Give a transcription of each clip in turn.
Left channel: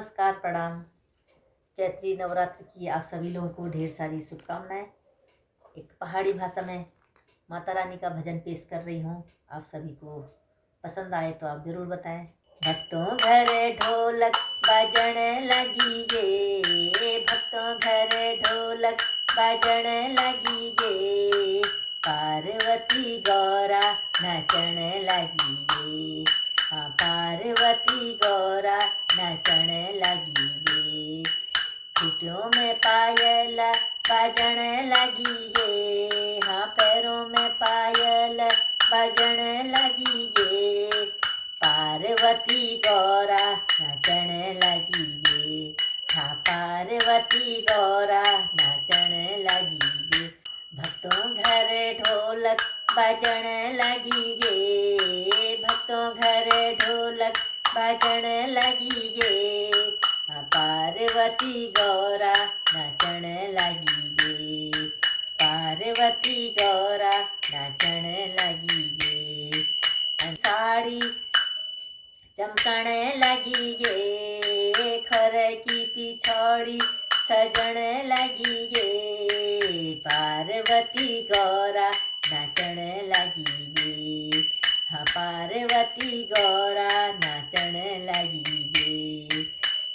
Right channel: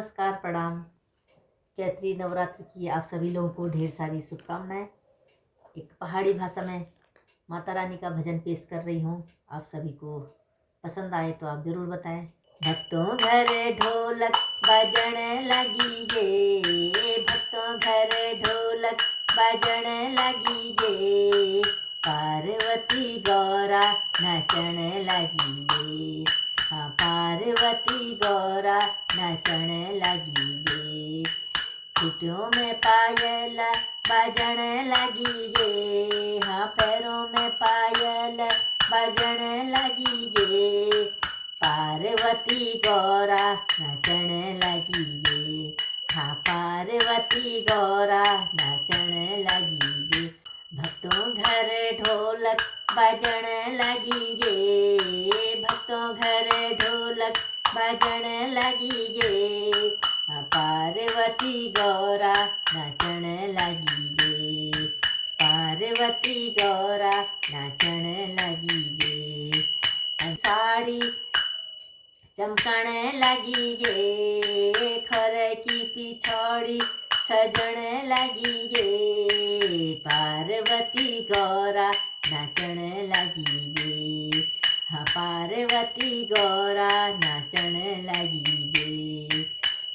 नमस्कार, प्रणाम। चैत्री नवरात्र की आप सभी लोगों को ढेर सारी शुभकामनाएं। एक पहाड़ी भाषा में माता रानी का भजन पेश कर रही हूँ। आप सभी को पसंद आए तो आप ज़रूर बताएं। भक्तों घर ढोलक बजन लगी गे, भक्तों घर ढोलक बजन लगी गे, पार्वती गौरा नचन लगी गे। हाँ, पार्वती गौरा नचन लगी गे। छुटियों में पायल बजन लगी गे, हाँ पैरों में पायल बजन लगी गे, पार्वती गौरा नचन लगी गे। हाँ, पार्वती गौरा नचन लगी गे। भक्तों घर ढोलक बजन लगी गे, भक्तों घर ढोलक बजन लगी गे, पार्वती गौरा नचन लगी गे, पार्वती गौरा नचन लगी गे। साड़ी चमकण लगी गे, खर की पिछौड़ी सजन लगी गे, पार्वती गौरा नचन लगी गे। हाँ, पार्वती गौरा नचन लगी गे।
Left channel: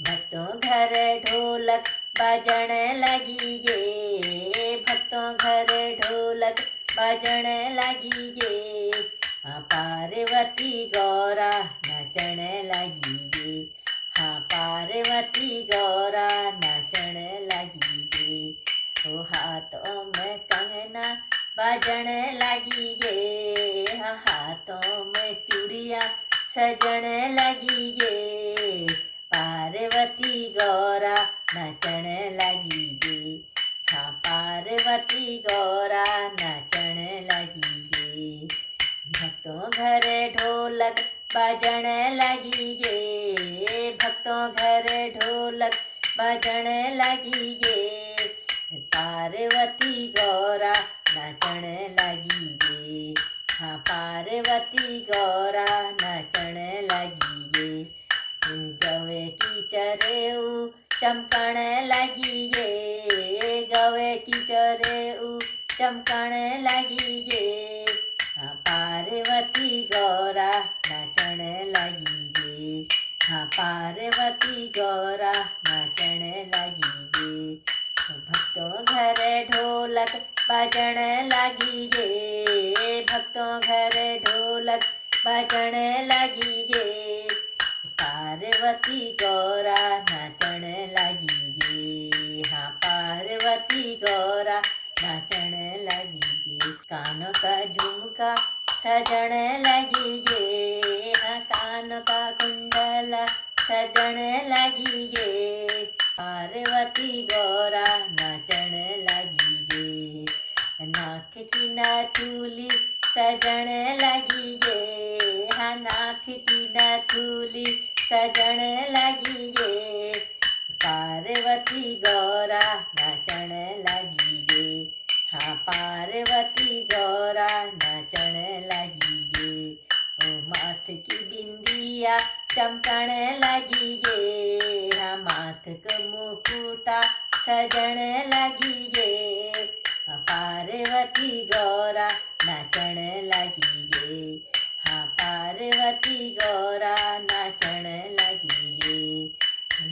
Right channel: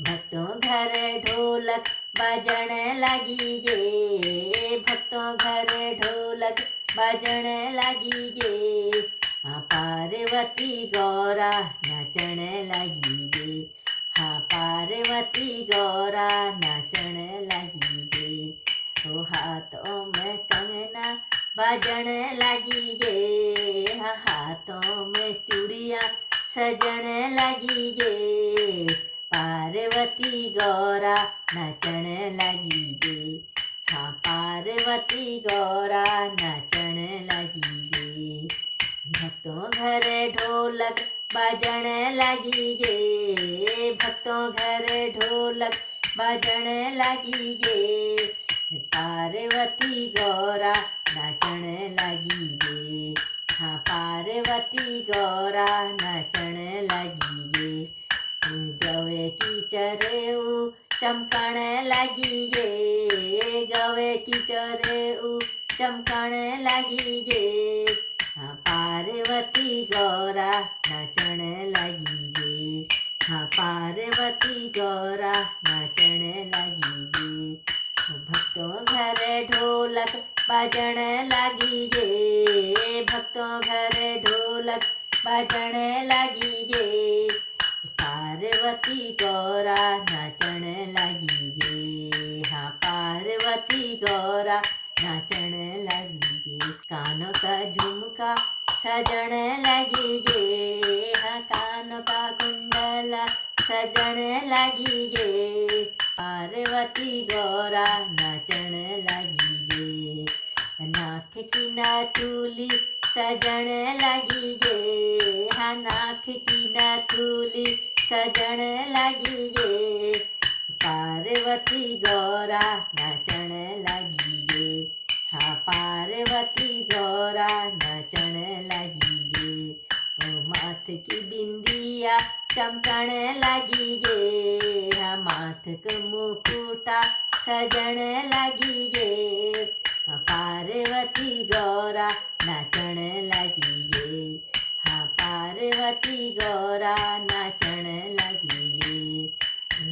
भक्तों घर ढोलक बजन लगी गे, भक्तों घर ढोलक बजन लगी गे, हाँ पार्वती गौरा नचन लगी गे। हाँ, पार्वती गौरा नचन लगी गे। तो हाथों में कंगना बजन लगी गे, हाँ हाथों में चूड़ियाँ सजन लगी गे, पार्वती गौरा नचन लगी गे। हाँ, पार्वती गौरा नचन लगी गे। भक्तों घर ढोलक बजन लगी गे, भक्तों घर ढोलक बजन लगी गे, पार्वती गौरा नचन लगी गे। हाँ, पार्वती गौरा नचन लगी गे। गवे की चरेऊ चमकण लगी गे, गवे की चरेऊ चमकण लगी गे, हाँ पार्वती गौरा नचन लगी गे। हाँ, पार्वती गौरा नचन लगी गे। भक्तों घर ढोलक बजन लगी गे, भक्तों घर ढोलक बजन लगी गे, पार्वती गौरा नचन लगी गे। हाँ, पार्वती गौरा नचन लगी गे। कानों का झुमका सजन लगी गे, हाँ कानों का कुंडला सजन लगी गे, पार्वती गौरा नचन लगी गे। नाक की नाथुली सजन लगी गे, हाँ नाक की नाथुली सजन लगी गे, पार्वती गौरा नचन लगी गे। हाँ, पार्वती गौरा नचन लगी गे। माथ की बिंदिया चमकण लगी गे, हाँ माथ का मुकुटा सजन लगी गे, हाँ पार्वती गौरा नचन लगी गे। हाँ, पार्वती गौरा नचन लगी गे।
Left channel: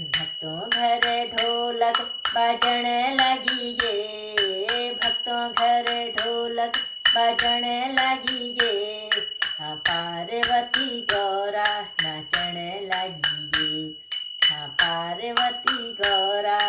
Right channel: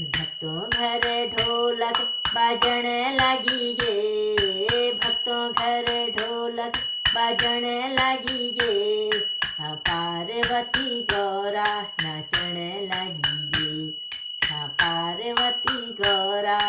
भक्तों घर ढोलक बजन लगी गे, भक्तों घर ढोलक बजन लगी गे, हाँ पार्वती गौरा नचन लगी गे। हाँ, पार्वती गौरा